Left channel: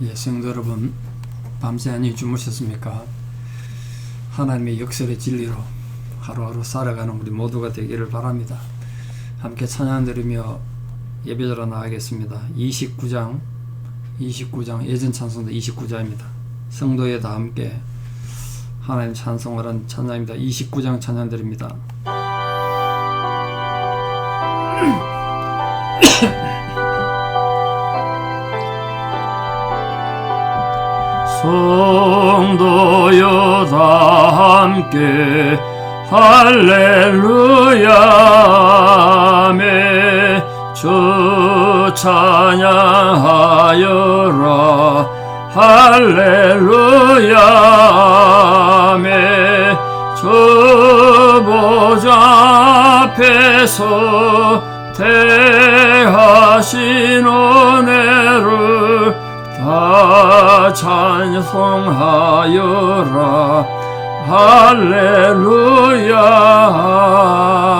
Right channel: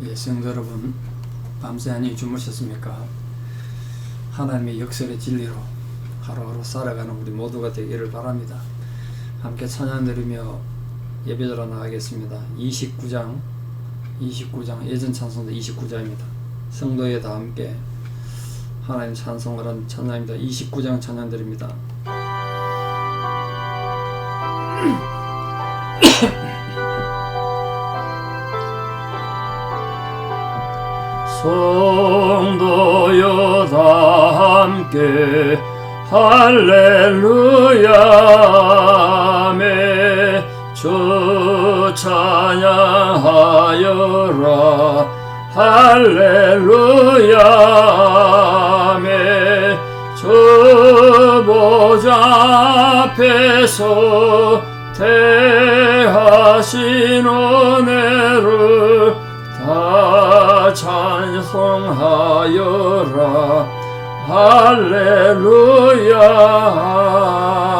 예, 성도 여러분, 밤새 안녕히 주무셨습니까? 하나님의 역설의 진리로 하루하루 살아가는 우리 모두가 되기를 바랍니다. 함께 찬양 드리며 예배드려 나가겠습니다. 29장 예전 찬송도 29장입니다. 성도에 다 함께 하나님 찬송을 한 찬양입니다. 29장 찬양 드립니다. 성도여 다 함께 할렐루야 아멘 주 찬양하여라 할렐루야 아멘 주 보좌 앞에서 대하신 은혜를 다 찬송하여라 할렐루야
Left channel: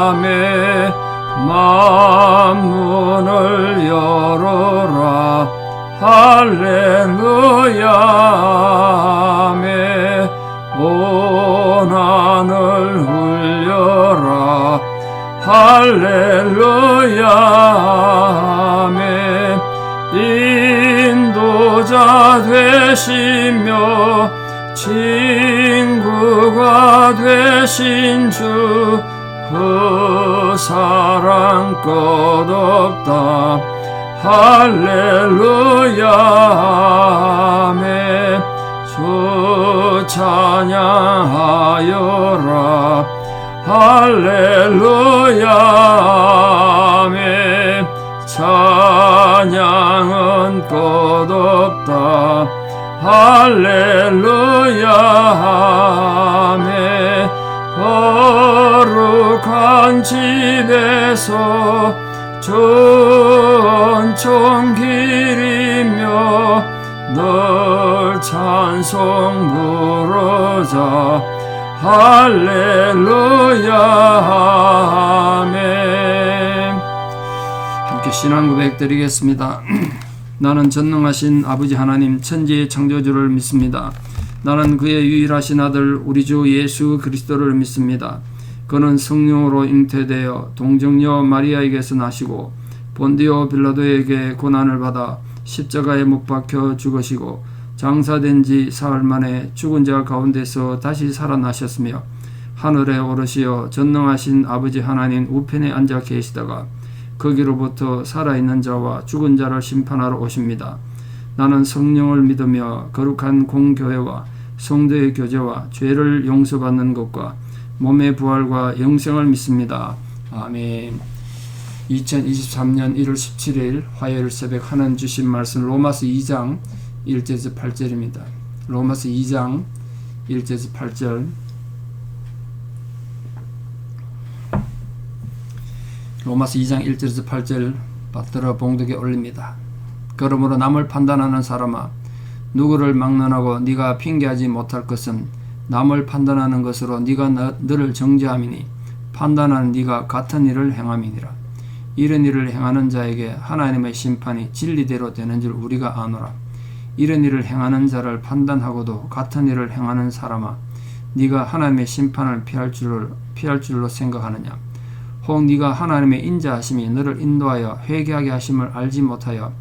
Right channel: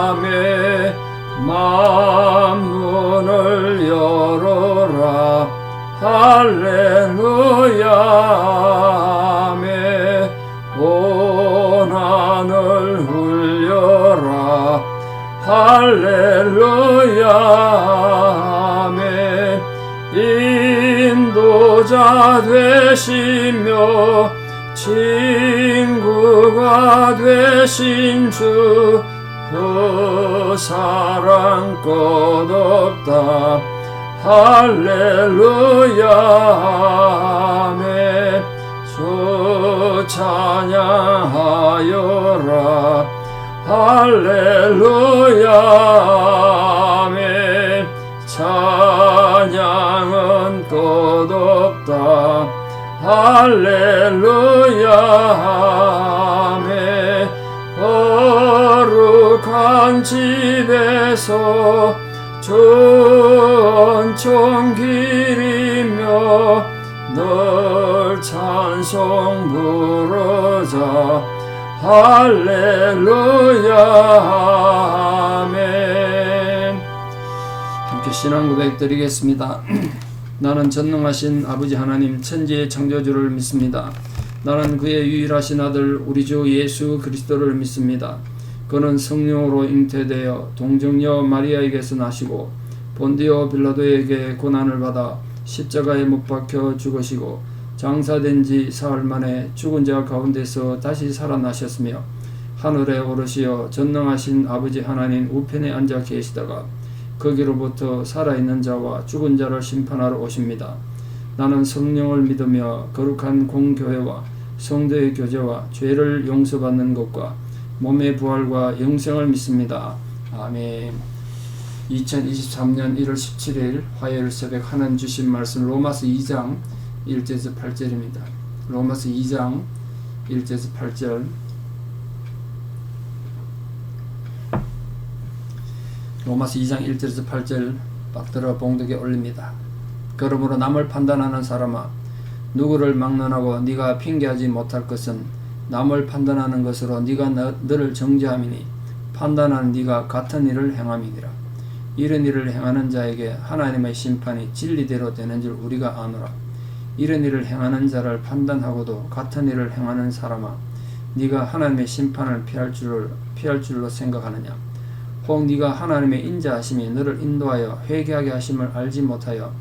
아멘 만문을 열어라 할렐루야 아멘 온 하늘 울려라 할렐루야 아멘 인도자 되시며 친구가 되신 주 그 사랑 끝없다 할렐루야 아멘 주 찬양하여라 할렐루야 아멘 찬양은 끝없다 할렐루야 아멘 거룩한 집에서 전청 기리며 늘 찬송 부르자 할렐루야 아멘. 함께 신앙 고백 드리겠습니다. 나는 전능하신 아버지 하나님 천지의 창조주를 믿습니다. 나는 그의 유일하신 아들 우리 주 예수 그리스도를 믿습니다. 그는 성령으로 잉태되어 동정녀 마리아에게서 나시고 본디오 빌라도에게 고난을 받아 십자가에 못 박혀 죽으시고 장사된 지 사흘 만에 죽은 자 가운데서 다시 살아나셨으며 하늘에 오르시어 전능하신 아버지 하나님 우편에 앉아 계시다가 거기로부터 살아있는 자와 죽은 자를 심판하러 오십니다. 나는 성령을 믿으며 거룩한 공교회와 성도의 교제와 죄를 용서받는 것과 몸의 부활과 영생을 믿습니다. 아멘. 2023년 1월 17일 화요일 새벽 하나님 주신 말씀 로마서 2장 1절에서 8절입니다. 로마서 2장 1절에서 8절 로마서 2장 1절에서 8절 받들어 봉독에 올립니다. 그러므로 남을 판단하는 사람아 누구를 막론하고 네가 핑계하지 못할 것은 남을 판단하는 것으로 네가 너를 정죄함이니 판단하는 네가 같은 일을 행함이니라. 이런 일을 행하는 자에게 하나님의 심판이 진리대로 되는 줄 우리가 아노라. 이런 일을 행하는 자를 판단하고도 같은 일을 행하는 사람아 네가 하나님의 심판을 피할 줄로 생각하느냐. 혹 네가 하나님의 인자하심이 너를 인도하여 회개하게 하심을 알지 못하여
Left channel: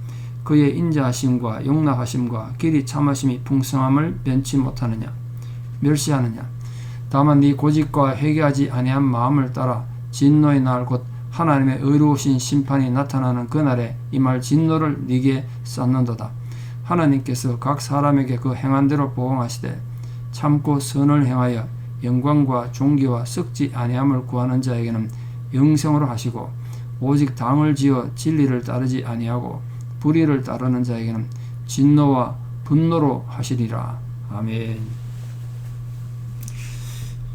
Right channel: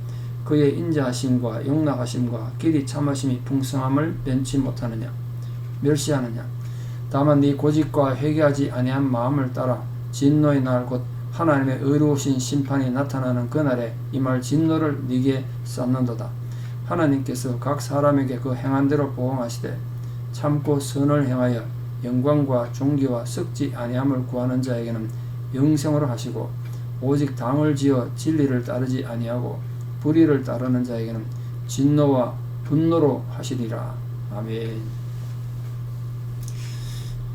그의 인자하심과 용납하심과 길이 참으심이 풍성함을 면치 못하느냐. 멸시하느냐. 다만 네 고집과 회개하지 아니한 마음을 따라 진노의 날 곧 하나님의 의로우신 심판이 나타나는 그날에 임할 진노를 네게 쌓는도다. 하나님께서 각 사람에게 그 행한 대로 보응하시되 참고 선을 행하여 영광과 존귀와 썩지 아니함을 구하는 자에게는 영생으로 하시고 오직 당을 지어 진리를 따르지 아니하고 불의를 따르는 자에게는 진노와 분노로 하시리라. 아멘.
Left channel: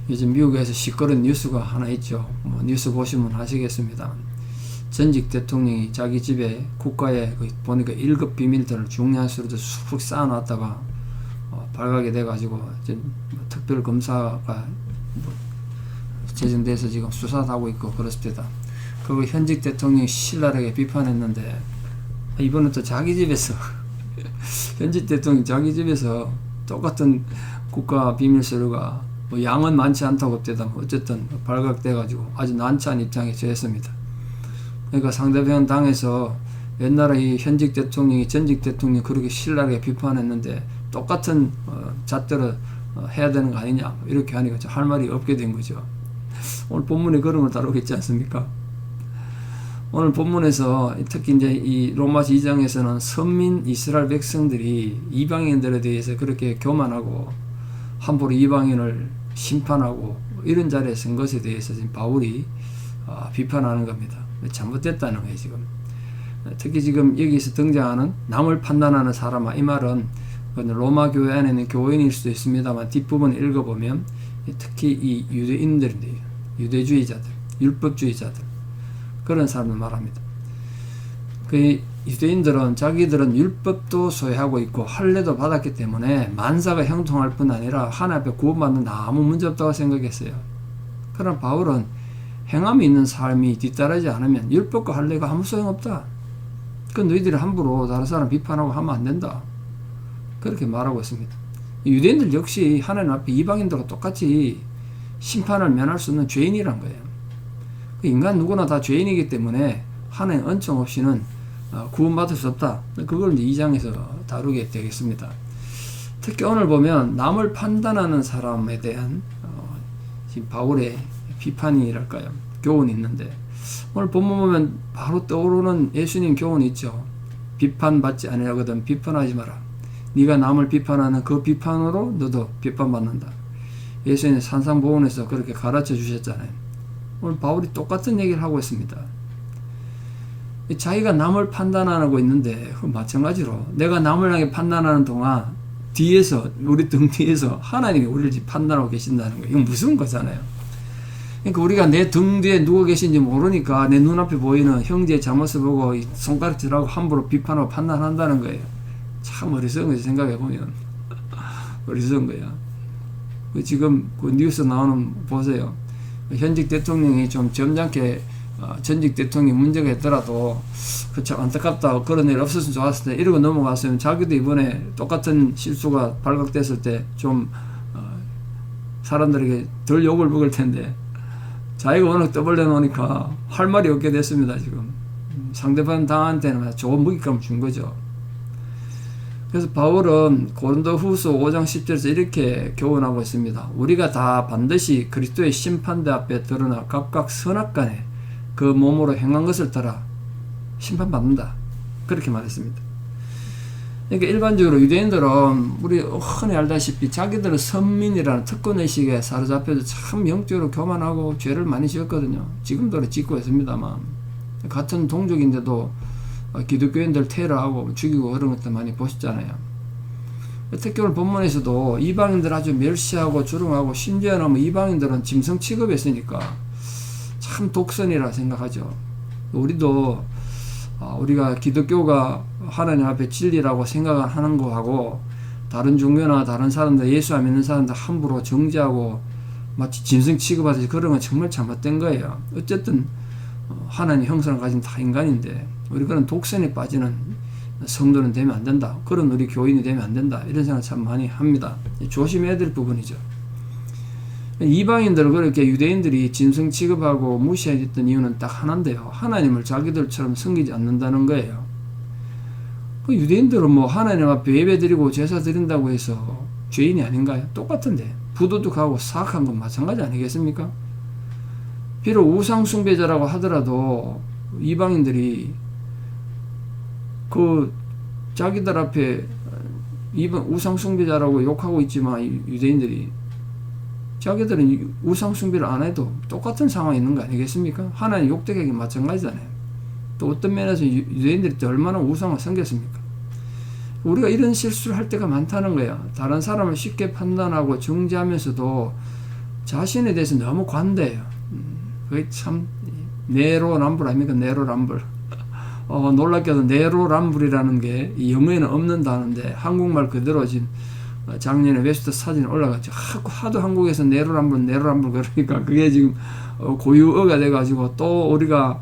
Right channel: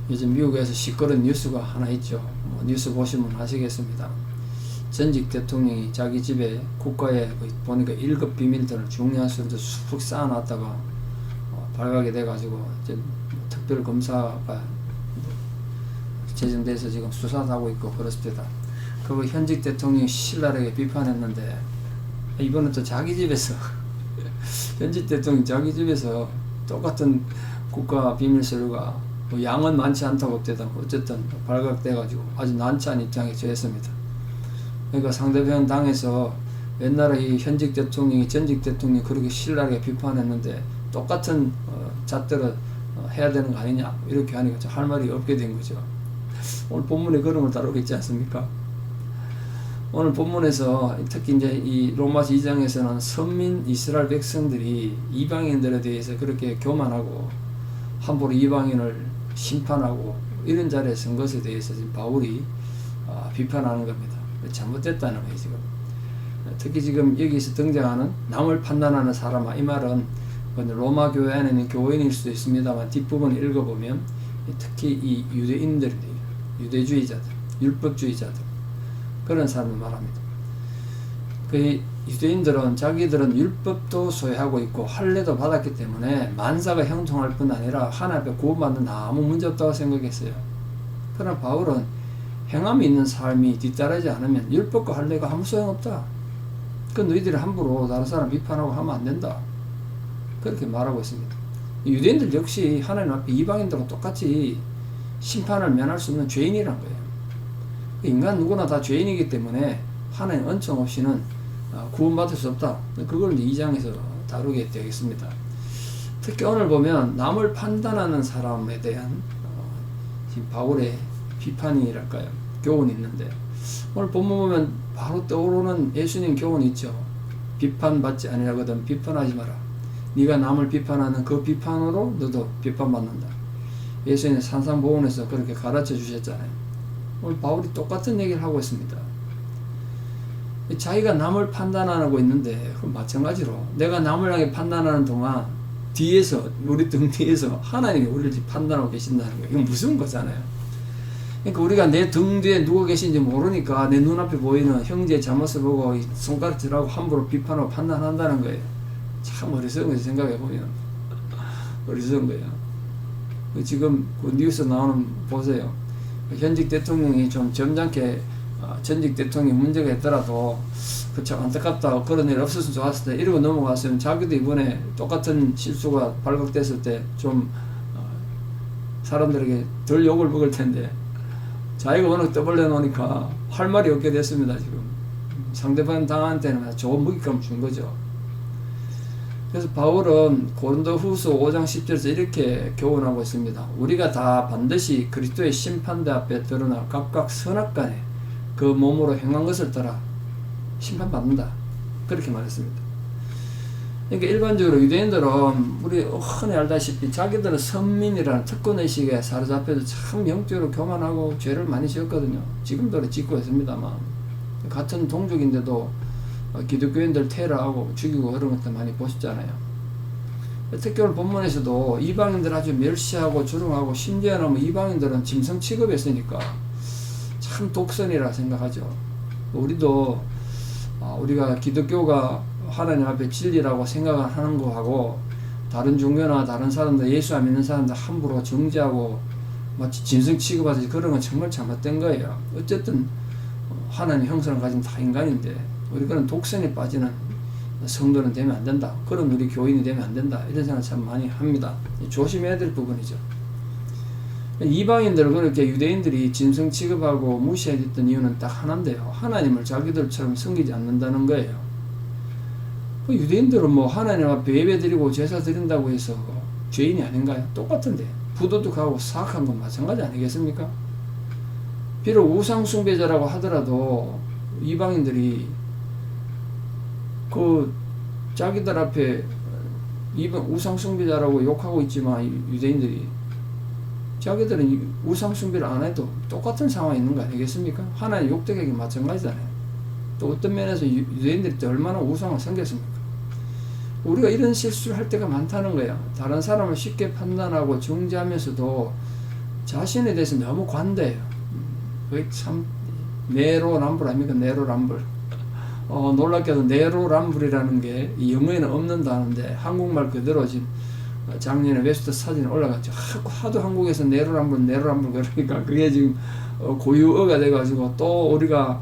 요즘 미국에서 시끄러운 뉴스가 하나 있죠. 뉴스 보시면 아시겠습니다. 전직 대통령이 자기 집에 국가에 보니까 1급 비밀들을 중요한 서류들 쑥 쌓아놨다가 발각이 돼가지고 특별검사가 제정돼서 지금 수사도 하고 있고 그렇습니다. 그리고 현직 대통령이 신랄하게 비판했는데 이번엔 또 자기 집에서 현직 대통령이 자기 집에서 똑같은 국가 비밀 서류가 뭐 양은 많지 않다고 때다 어쨌든 발각돼가지고 아주 난처한 입장에 처했습니다. 그러니까 상대편 당에서 옛날에 이 현직 대통령이 전직 대통령이 그렇게 신랄하게 비판했는데 똑같은 잣대로 해야 되는 거 아니냐 이렇게 하니까 할 말이 없게 된 거죠. 오늘 본문에 그런 걸 다루겠지 않습니까? 오늘 본문에서 특히 이제 이 로마서 2장에서는 선민 이스라엘 백성들이 이방인들에 대해서 그렇게 교만하고 함부로 이방인을 심판하고 이런 자리에 선 것에 대해서 지금 바울이 비판하는 겁니다. 잘못됐다는 거예요, 지금. 특히 지금 여기서 등장하는 남을 판단하는 사람아, 이 말은 로마 교회 안에 있는 교인일 수도 있습니다만 뒷부분을 읽어보면 특히 이 유대인들인데요. 유대주의자들, 율법주의자들 그런 사람을 말합니다. 그 유대인들은 자기들은 율법도 소유하고 있고 할례도 받았기 때문에 만사가 형통할 뿐 아니라 하나님 앞에 구원받는 아무 문제 없다고 생각했어요. 그러나 바울은 행함이 있는 삶이 뒤따르지 않으면 율법과 할례가 아무 소용없다. 그 너희들이 함부로 다른 사람 비판하고 하면 안 된다. 그렇게 말하고 있습니다. 유대인들 역시 하나님 앞에 이방인들과 똑같이 심판을 면할 수 없는 죄인이란 거예요. 인간 누구나 다 죄인이기 때문에 하나님 은총 없이는 구원받을 수 없다. 그걸 2장에서 다루게 되겠습니다. 특히 오늘 보면 남을 판단하는 사람에 대한 지금 바울의 비판이랄까요? 교훈이 있는데 오늘 본문 보면 바로 떠오르는 예수님 교훈이 있죠. 비판받지 아니하거든 비판하지 마라. 네가 남을 비판하는 그 비판으로 너도 비판받는다. 예수님 산상보훈에서 그렇게 가르쳐 주셨잖아요. 오늘 바울이 똑같은 얘기를 하고 있습니다. 자기가 남을 판단하고 있는데 마찬가지로 내가 남을 향해 판단하는 동안 뒤에서 우리 등 뒤에서 하나님이 우리를 판단하고 계신다는 거예요. 이건 무서운 거잖아요. 그러니까 우리가 내 등 뒤에 누가 계신지 모르니까 내 눈앞에 보이는 형제의 잘못을 보고 손가락질하고 함부로 비판하고 판단한다는 거예요. 참 어리석은 거지 생각해보면. 어리석은 거예요. 지금 그 뉴스 나오는 보세요. 현직 대통령이 좀 점잖게 전직 대통령이 문제가 있더라도 그참 안타깝다 그런 일 없었으면 좋았을 텐데 이러고 넘어갔으면 자기도 이번에 똑같은 실수가 발각됐을 때 좀 사람들에게 덜 욕을 먹을 텐데 자기가 워낙 떠벌려 놓으니까 할 말이 없게 됐습니다. 지금 상대방 당한테는 좋은 먹잇감을 준 거죠. 그래서 바울은 고린도후서 5장 10절에서 이렇게 교훈하고 있습니다. 우리가 다 반드시 그리스도의 심판대 앞에 드러나 각각 선악간에 그 몸으로 행한 것을 따라 심판받는다. 그렇게 말했습니다. 그러니까 일반적으로 유대인들은 우리 흔히 알다시피 자기들은 선민이라는 특권의식에 사로잡혀서 참 영적으로 교만하고 죄를 많이 지었거든요. 지금도 짓고 있습니다만 같은 동족인데도 기독교인들 테러하고 죽이고 그런 것들 많이 보셨잖아요. 특히 오늘 본문에서도 이방인들 아주 멸시하고 주름하고 심지어는 뭐 이방인들은 짐승 취급했으니까 참 독선이라 생각하죠. 우리도 우리가 기독교가 하나님 앞에 진리라고 생각하는 거하고 다른 종교나 다른 사람들 예수 안 믿는 사람들 함부로 정죄하고 마치 짐승 취급하듯이 그런 건 정말 잘못된 거예요. 어쨌든 하나님 형상을 가진 다 인간인데 우리 그런 독선에 빠지는 성도는 되면 안 된다. 그런 우리 교인이 되면 안 된다. 이런 생각 참 많이 합니다. 조심해야 될 부분이죠. 이방인들은 그렇게 유대인들이 짐승 취급하고 무시했던 이유는 딱 하나인데요. 하나님을 자기들처럼 섬기지 않는다는 거예요. 그 유대인들은 뭐 하나님 앞에 예배 드리고 제사 드린다고 해서 죄인이 아닌가요? 똑같은데 부도덕하고 사악한 건 마찬가지 아니겠습니까? 비록 우상숭배자라고 하더라도 이방인들이 그 자기들 앞에 우상숭배자라고 욕하고 있지만 유대인들이 자기들은 우상숭배를 안 해도 똑같은 상황에 있는 거 아니겠습니까? 하나님 욕되게 마찬가지잖아요. 또 어떤 면에서 유대인들이 또 얼마나 우상을 섬겼습니까? 우리가 이런 실수를 할 때가 많다는 거야. 다른 사람을 쉽게 판단하고 정죄하면서도 자신에 대해서 너무 관대해요. 그게 참 내로남불 아닙니까? 내로남불. 놀랍게도 내로남불이라는 게 영어에는 없는 단어인데 한국말 그대로 지금 작년에 웹스터 사진이 올라갔죠. 하도 한국에서 내로남불 그러니까 그게 지금 고유어가 돼가지고 또 우리가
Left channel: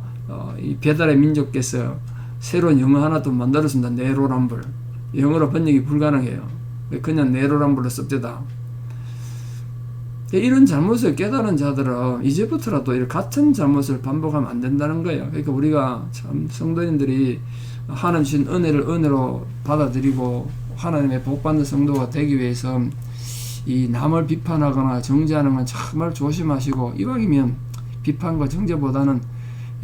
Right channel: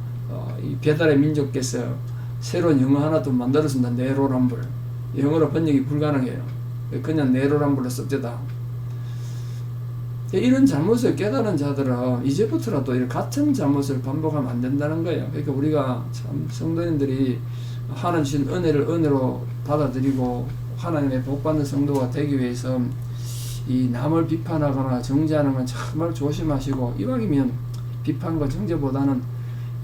이 배달의 민족께서 새로운 영어 하나 또 만들었습니다. 내로남불. 영어로 번역이 불가능해요. 그냥 네로란불로 썩대다. 이런 잘못을 깨달은 자들은 이제부터라도 이 같은 잘못을 반복하면 안 된다는 거예요. 그러니까 우리가 참 성도님들이 하나님 주신 은혜를 은혜로 받아들이고 하나님의 복받는 성도가 되기 위해서 이 남을 비판하거나 정죄하는 건 정말 조심하시고, 이왕이면 비판과 정죄보다는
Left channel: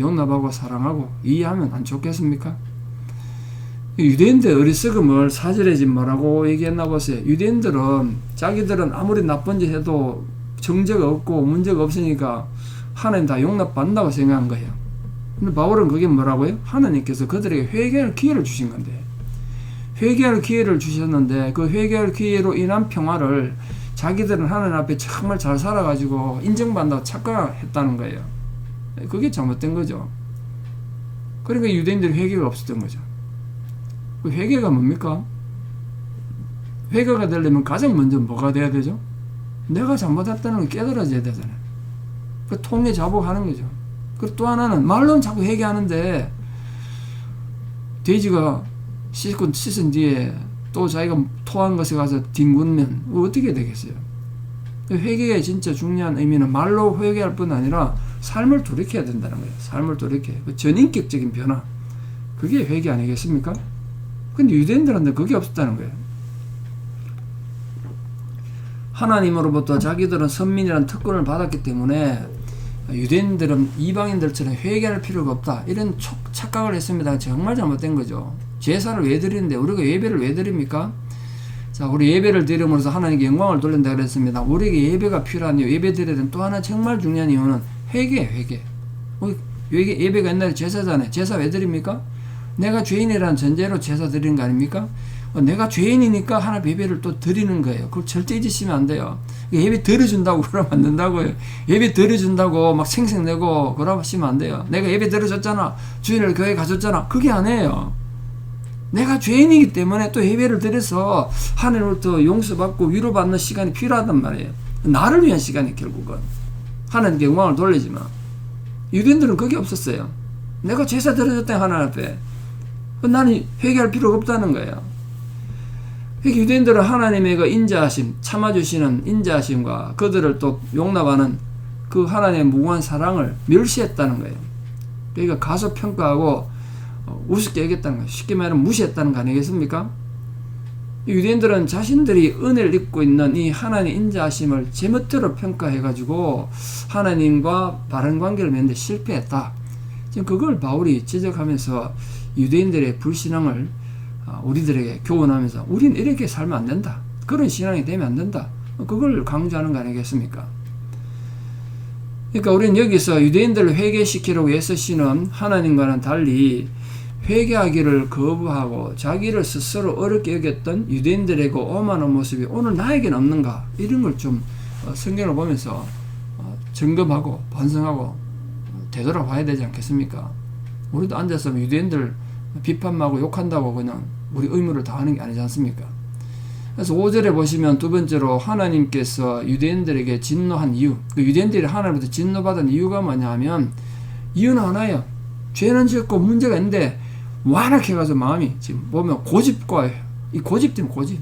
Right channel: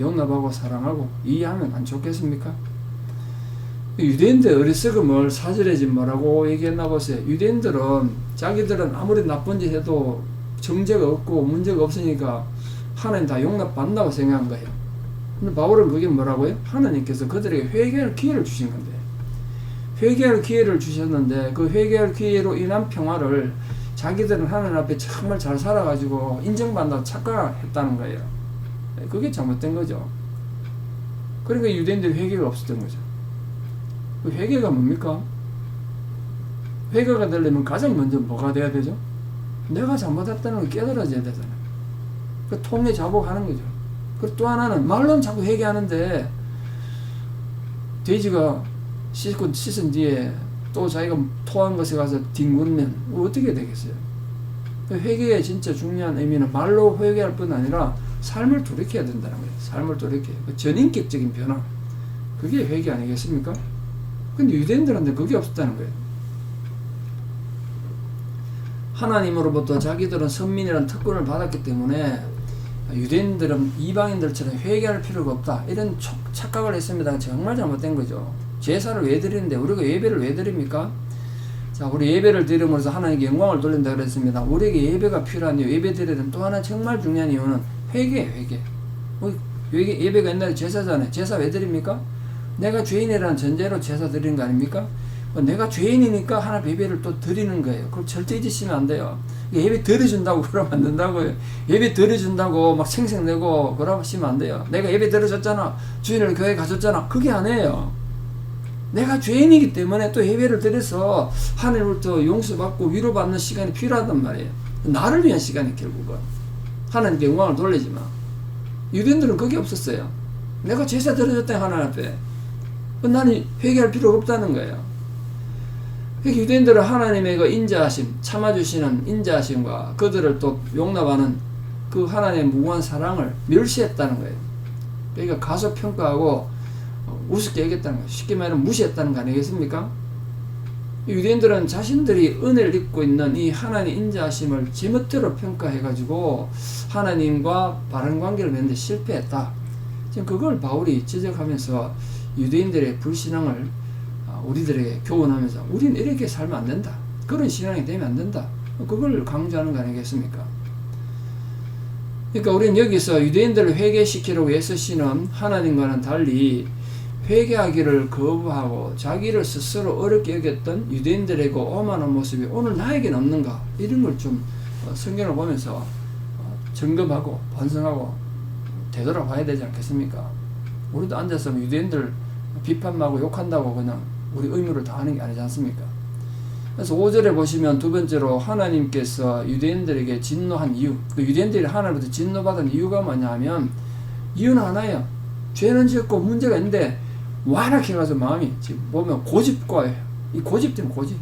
용납하고 사랑하고 이해하면 안 좋겠습니까? 유대인들 어리석음을 4절에 지금 뭐라고 얘기했나 보세요. 유대인들은 자기들은 아무리 나쁜 짓 해도 정죄가 없고 문제가 없으니까 하나님 다 용납받는다고 생각한 거예요. 근데 바울은 그게 뭐라고요? 하나님께서 그들에게 회개할 기회를 주신 건데, 회개할 기회를 주셨는데 그 회개할 기회로 인한 평화를 자기들은 하나님 앞에 정말 잘 살아가지고 인정받는다고 착각했다는 거예요. 그게 잘못된 거죠. 그러니까 유대인들이 회개가 없었던 거죠. 그 회개가 뭡니까? 회개가 되려면 가장 먼저 뭐가 돼야 되죠? 내가 잘못했다는 걸 깨달아져야 되잖아요. 그 통해 자복하는 거죠. 그리고 또 하나는 말로는 자꾸 회개하는데 돼지가 씻은 뒤에 또 자기가 토한 것에 가서 뒹굴면 어떻게 되겠어요? 회개의 진짜 중요한 의미는 말로 회개할 뿐 아니라 삶을 돌이켜야 된다는 거예요. 삶을 돌이켜야. 그 전인격적인 변화. 그게 회개 아니겠습니까? 근데 유대인들한테 그게 없었다는 거예요. 하나님으로부터 자기들은 선민이라는 특권을 받았기 때문에 유대인들은 이방인들처럼 회개할 필요가 없다, 이런 착각을 했습니다. 정말 잘못된 거죠. 제사를 왜 드리는데 우리가 예배를 왜 드립니까? 자, 우리 예배를 드림으로써 하나님께 영광을 돌린다 그랬습니다. 우리에게 예배가 필요한 이유, 예배 드려야 되는 또 하나 정말 중요한 이유는 회개예요. 회개. 예배가 옛날에 제사잖아요. 제사 왜 드립니까? 내가 죄인이라는 전제로 제사 드리는 거 아닙니까? 내가 죄인이니까 하나님 예배를 또 드리는 거예요. 그걸 절대 잊으시면 안 돼요. 예배 드려준다고 그러면 안 된다고요. 예배 드려준다고 막 생색내고 그러시면 안 돼요. 내가 예배 드려줬잖아, 주일날 교회 가줬잖아, 그게 아니에요. 내가 죄인이기 때문에 또 예배를 드려서 하나님으로부터 용서받고 위로받는 시간이 필요하단 말이에요. 나를 위한 시간이 결국은. 하나님께 영광을 돌리지만 유대인들은 그게 없었어요. 내가 제사 드려줬다 하나님 앞에. 나는 회개할 필요가 없다는 거예요. 유대인들은 하나님의 그 인자하심, 참아주시는 인자하심과 그들을 또 용납하는 그 하나님의 무고한 사랑을 멸시했다는 거예요. 그러니까 가소평가하고 우습게 여겼다는 거예요. 쉽게 말하면 무시했다는 거 아니겠습니까? 유대인들은 자신들이 은혜를 입고 있는 이 하나님의 인자하심을 제멋대로 평가해가지고 하나님과 바른 관계를 맺는 데 실패했다. 지금 그걸 바울이 지적하면서 유대인들의 불신앙을 우리들에게 교훈하면서 우리는 이렇게 살면 안 된다, 그런 신앙이 되면 안 된다, 그걸 강조하는 거 아니겠습니까? 그러니까 우리는 여기서 유대인들을 회개시키려고 애쓰시는 하나님과는 달리 회개하기를 거부하고 자기를 스스로 어렵게 여겼던 유대인들에게 오만한 모습이 오늘 나에게는 없는가, 이런 걸 좀 성경을 보면서 점검하고 반성하고 되돌아봐야 되지 않겠습니까? 우리도 앉아서 유대인들 비판하고 욕한다고 그냥 우리 의무를 다하는 게 아니지 않습니까? 그래서 5절에 보시면 두 번째로 하나님께서 유대인들에게 진노한 이유, 그 유대인들이 하나님부터 진노받은 이유가 뭐냐면 이유는 하나예요. 죄는 짓고 문제가 있는데 완악해가지고 마음이 지금 보면 고집과 이 고집 때문에 고집.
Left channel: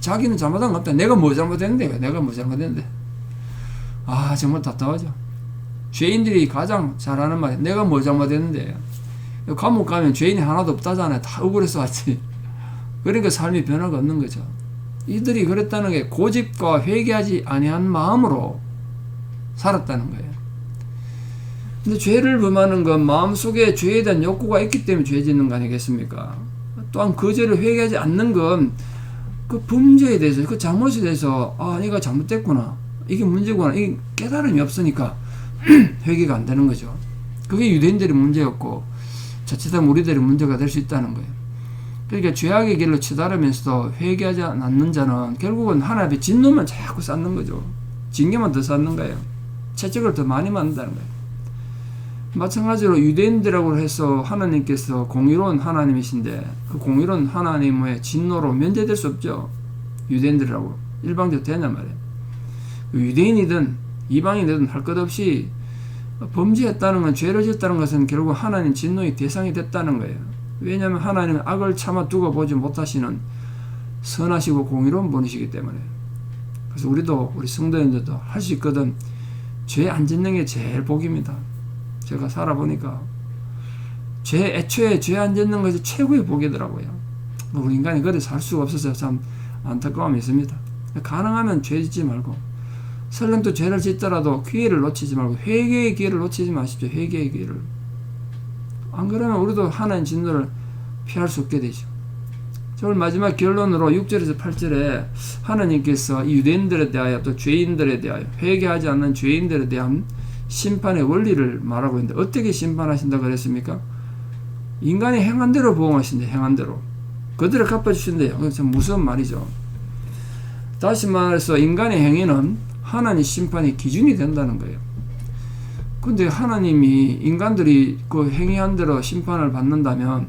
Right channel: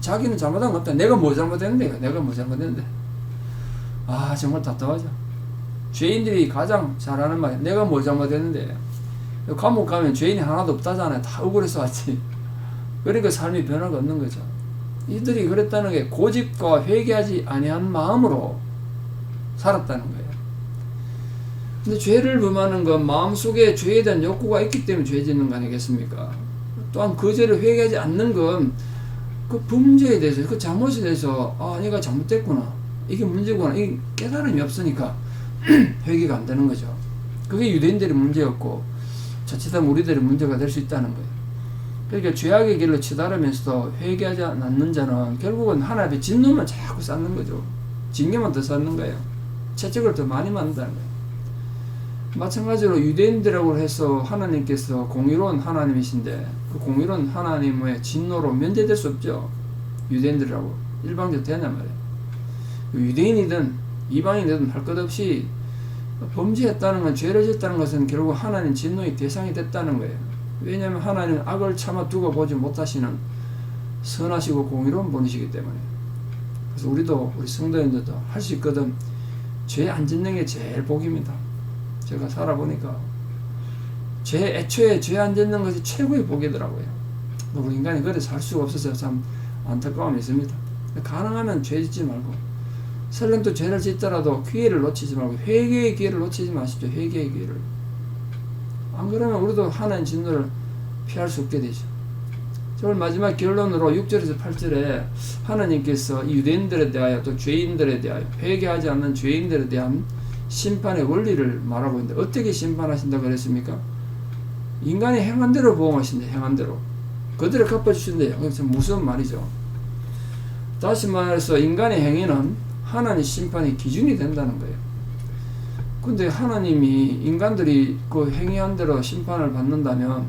자기는 잘못한 거 없다. 내가 뭐 잘못했는데, 내가 뭐 잘못했는데. 아, 정말 답답하죠. 죄인들이 가장 잘하는 말이야. 내가 뭐 잘못했는데. 감옥 가면 죄인이 하나도 없다잖아요. 다 억울해서 왔지. 그러니까 삶이 변화가 없는 거죠. 이들이 그랬다는 게 고집과 회개하지 아니한 마음으로 살았다는 거예요. 근데 죄를 범하는 건 마음속에 죄에 대한 욕구가 있기 때문에 죄 짓는 거 아니겠습니까? 또한 그 죄를 회개하지 않는 건 그 범죄에 대해서, 그 잘못에 대해서, 아, 내가 잘못됐구나, 이게 문제구나, 이 깨달음이 없으니까 회개가 안 되는 거죠. 그게 유대인들의 문제였고 자칫하면 우리들의 문제가 될 수 있다는 거예요. 그러니까 죄악의 길로 치달으면서도 회개하지 않는 자는 결국은 하나님의 진노만 자꾸 쌓는 거죠. 징계만 더 쌓는 거예요. 채찍을 더 많이 맞는다는 거예요. 마찬가지로 유대인들하고 해서 하나님께서 공의로운 하나님이신데 그 공의로운 하나님의 진노로 면제될 수 없죠. 유대인들하고 일방적으로 되냐 말이에요. 유대인이든 이방인이든 할 것 없이 범죄했다는 건, 죄를 짓다는 것은 결국 하나님 진노의 대상이 됐다는 거예요. 왜냐하면 하나님은 악을 참아 두고 보지 못하시는 선하시고 공의로운 분이시기 때문에. 그래서 우리도, 우리 성도님들도 할 수 있거든. 죄 안 짓는 게 제일 복입니다. 제가 살아보니까 애초에 죄 안 짓는 것이 최고의 복이더라고요. 우리 인간이 그래서 살 수가 없어서 참 안타까움이 있습니다. 가능하면 죄 짓지 말고, 설령 또 죄를 짓더라도 기회를 놓치지 말고, 회개의 기회를 놓치지 마십시오. 회개의 기회를. 안 그러면 우리도 하나님 진노를 피할 수 없게 되죠. 오늘 마지막 결론으로 6절에서 8절에 하나님께서 이 유대인들에 대하여 또 죄인들에 대하여, 회개하지 않는 죄인들에 대한 심판의 원리를 말하고 있는데, 어떻게 심판하신다고 그랬습니까? 인간이 행한 대로 보응하신대. 행한 대로 그들을 갚아주신대요. 그래서 무슨 말이죠? 다시 말해서 인간의 행위는 하나님 심판의 기준이 된다는 거예요. 근데 하나님이 인간들이 그 행위한 대로 심판을 받는다면,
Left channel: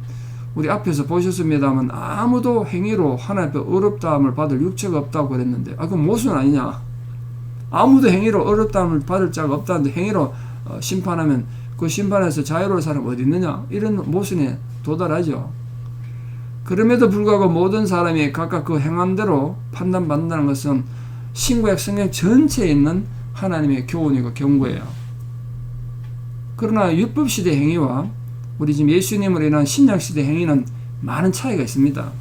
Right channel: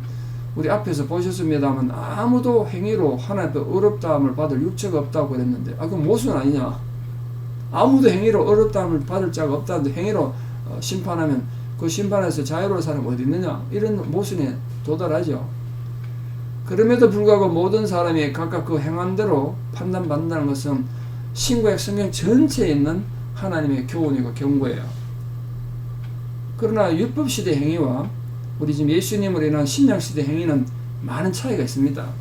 우리 앞에서 보셨습니다만 아무도 행위로 하나님 앞에 어렵다함을 받을 육체가 없다고 그랬는데, 그건 모순 아니냐? 아무도 행위로 어렵다함을 받을 자가 없다는데 행위로 심판하면 그 심판에서 자유로운 사람 어디 있느냐? 이런 모순에 도달하죠. 그럼에도 불구하고 모든 사람이 각각 그 행한 대로 판단받는다는 것은 신구약 성경 전체에 있는 하나님의 교훈이고 경고예요. 그러나 율법시대 행위와 우리 지금 예수님으로 인한 신약시대 행위는 많은 차이가 있습니다.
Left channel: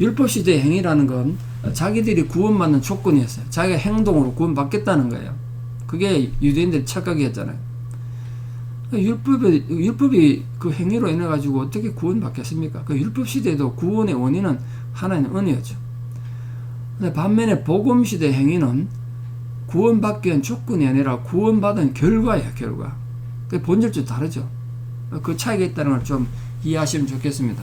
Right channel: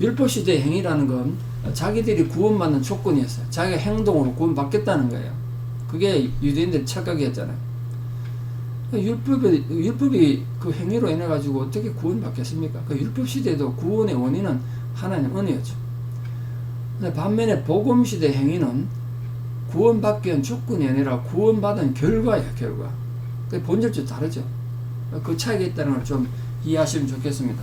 율법시대 행위라는 건 자기들이 구원받는 조건이었어요. 자기가 행동으로 구원받겠다는 거예요. 그게 유대인들의 착각이었잖아요. 율법이 그 행위로 인해 가지고 어떻게 구원받겠습니까? 그 율법시대에도 구원의 원인은 하나님의 은혜였죠. 근데 반면에 복음시대 행위는 구원받기 위한 조건이 아니라 구원받은 결과예요, 결과. 본질적으로 다르죠. 그 차이가 있다는 걸 좀 이해하시면 좋겠습니다.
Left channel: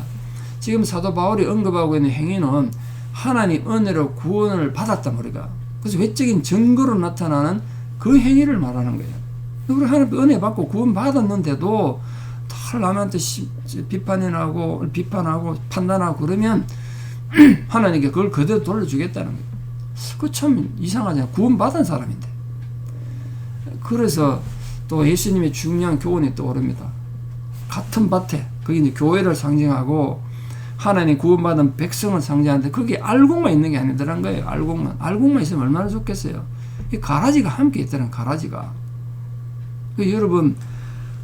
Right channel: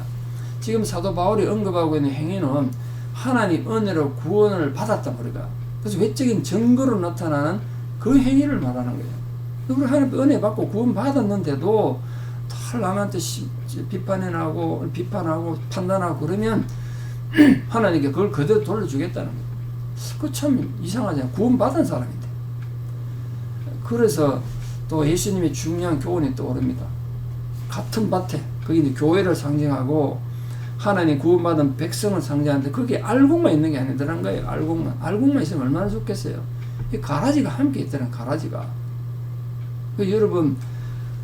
지금 사도 바울이 언급하고 있는 행위는 하나님 은혜로 구원을 받았단 우리가. 그래서 외적인 증거로 나타나는 그 행위를 말하는 거예요. 우리 하나님 은혜 받고 구원 받았는데도 다 남한테 비판하고 판단하고 그러면 하나님께 그걸 그대로 돌려주겠다는 거예요. 그 참 이상하잖아요. 구원 받은 사람인데. 그래서 또 예수님의 중요한 교훈이 떠오릅니다. 같은 밭에, 그게 이제 교회를 상징하고 하나님 구원받은 백성을 상징하는데, 그게 알곡만 있는 게 아니더란 거예요. 알곡만 있으면 얼마나 좋겠어요. 이 가라지가 함께 있다는, 가라지가. 여러분,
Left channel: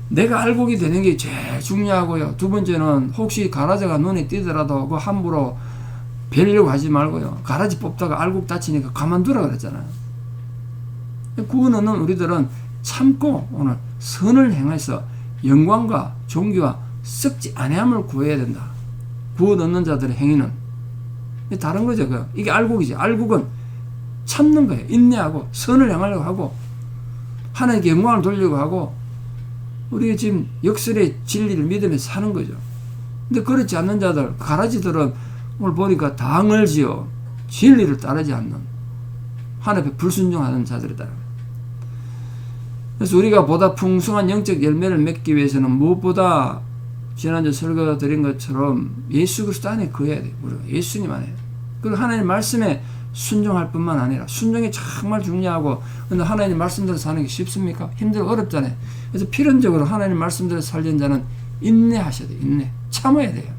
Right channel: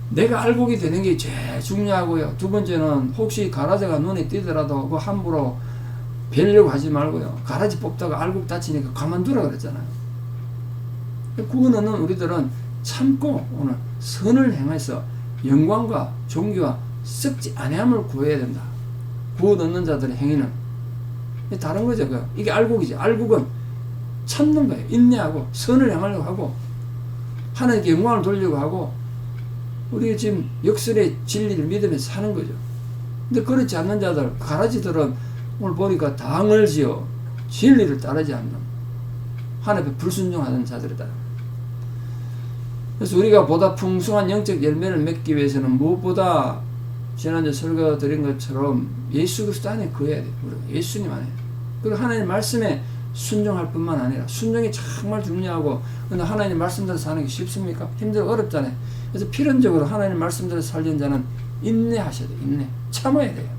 내가 알곡이 되는 게 제일 중요하고요. 두 번째는 혹시 가라지가 눈에 띄더라도 그 함부로 베려고 하지 말고요. 가라지 뽑다가 알곡 다치니까 가만두라 그랬잖아요. 구원 얻는 우리들은 참고 오늘 선을 행해서 영광과 존귀와 썩지 아니함을 구해야 된다. 구원 얻는 자들의 행위는 다른 거죠. 이게 알곡이지. 알곡은 참는 거예요. 인내하고 선을 행하려고 하고 하나님께 영광을 돌리려고 하고, 우리가 지금 역설의 진리를 믿으면서 사는 거죠. 근데 그렇지 않는 자들, 가라지들은 오늘 보니까 당을 지어 진리를 따르지 않는, 하나님께 불순종하는 자들이다. 그래서 우리가 보다 풍성한 영적 열매를 맺기 위해서는 무엇보다 지난주 설교 드린 것처럼 예수 그리스도 안에 거해야 돼요. 우리가 예수님 안에. 그리고 하나님 말씀에 순종할 뿐만 아니라, 순종이 정말 중요하고, 근데 하나님 말씀대로 사는 게 쉽습니까? 힘들고 어렵잖아요. 그래서 필연적으로 하나님 말씀대로 살리는 자는 인내하셔야 돼요. 인내. 참아야 돼요.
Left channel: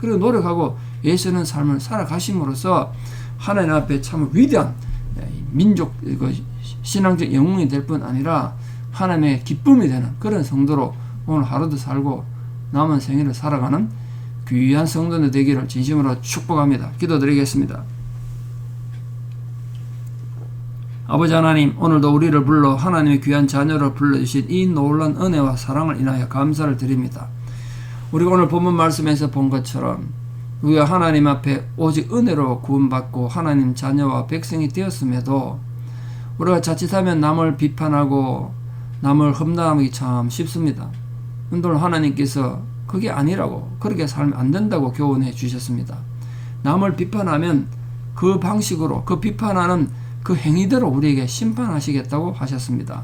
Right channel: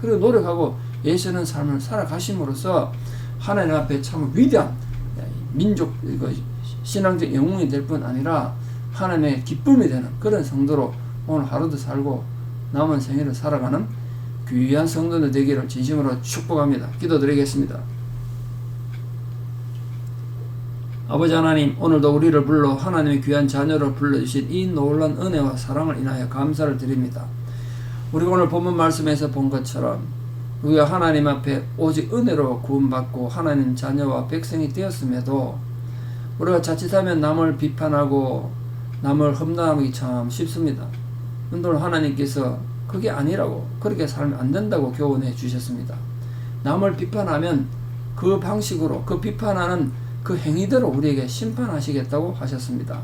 그리고 노력하고 예수는 삶을 살아가심으로써 하나님 앞에 참 위대한 민족, 신앙적 영웅이 될 뿐 아니라 하나님의 기쁨이 되는 그런 성도로 오늘 하루도 살고 남은 생일을 살아가는 귀한 성도들 되기를 진심으로 축복합니다. 기도드리겠습니다. 아버지 하나님, 오늘도 우리를 불러 하나님의 귀한 자녀로 불러주신 이 놀라운 은혜와 사랑을 인하여 감사를 드립니다. 우리가 오늘 본문 말씀에서 본 것처럼 우리가 하나님 앞에 오직 은혜로 구원받고 하나님 자녀와 백성이 되었음에도 우리가 자칫하면 남을 비판하고 남을 험담하기 참 쉽습니다. 근데 오늘 하나님께서 그게 아니라고, 그렇게 살면 안 된다고 교훈해 주셨습니다. 남을 비판하면 그 방식으로, 그 비판하는 그 행위대로 우리에게 심판하시겠다고 하셨습니다.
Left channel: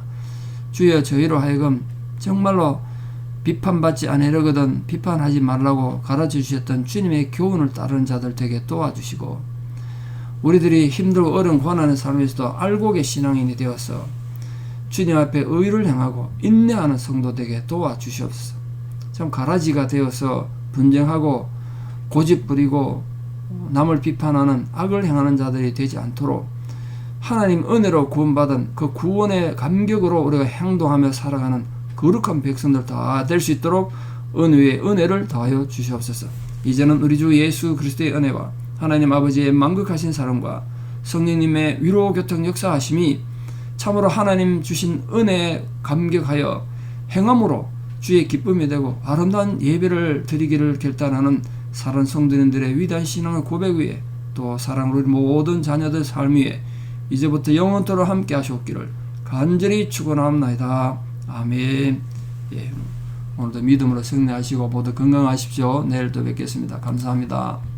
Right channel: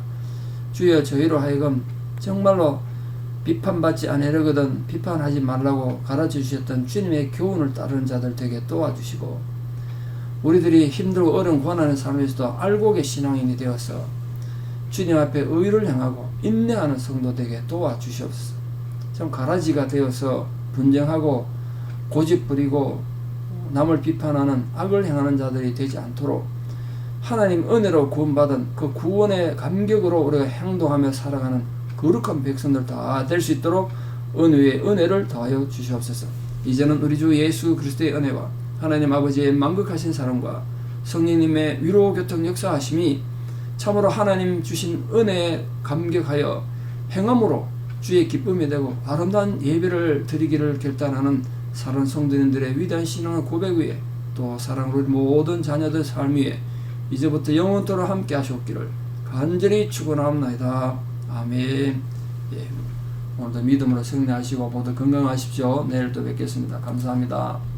주여, 저희로 하여금 정말로 비판받지 않으려거든 비판하지 말라고 가르쳐 주셨던 주님의 교훈을 따르는 자들 되게 도와주시고, 우리들이 힘들고 어려운 고난의 삶에서도 알곡의 신앙인이 되어서 주님 앞에 의를 행하고 인내하는 성도 되게 도와주시옵소서. 좀 가라지가 되어서 분쟁하고 고집 부리고 남을 비판하는 악을 행하는 자들이 되지 않도록 하나님 은혜로 구원받은 그 구원의 감격으로 우리가 행동하며 살아가는 거룩한 백성들 다 될 수 있도록 은혜의 은혜를 더하여 주시옵소서. 이제는 우리 주 예수 그리스도의 은혜와 하나님 아버지의 만극하신 사랑과 성령님의 위로 교통 역사하심이 참으로 하나님 주신 은혜에 감격하여 행함으로 주의 기쁨이 되고 아름다운 예배를 드리기를 결단하는 사랑 성도님들의 위대한 신앙의 고백 위에 또 사랑으로 우리 모든 자녀들 삶 위에 이제부터 영원토록 함께 하시옵기를 간절히 축원합니다. 아멘. 예, 오늘도 믿음으로 승리하시고 모두 건강하십시오. 내일 또 뵙겠습니다. 감사합니다.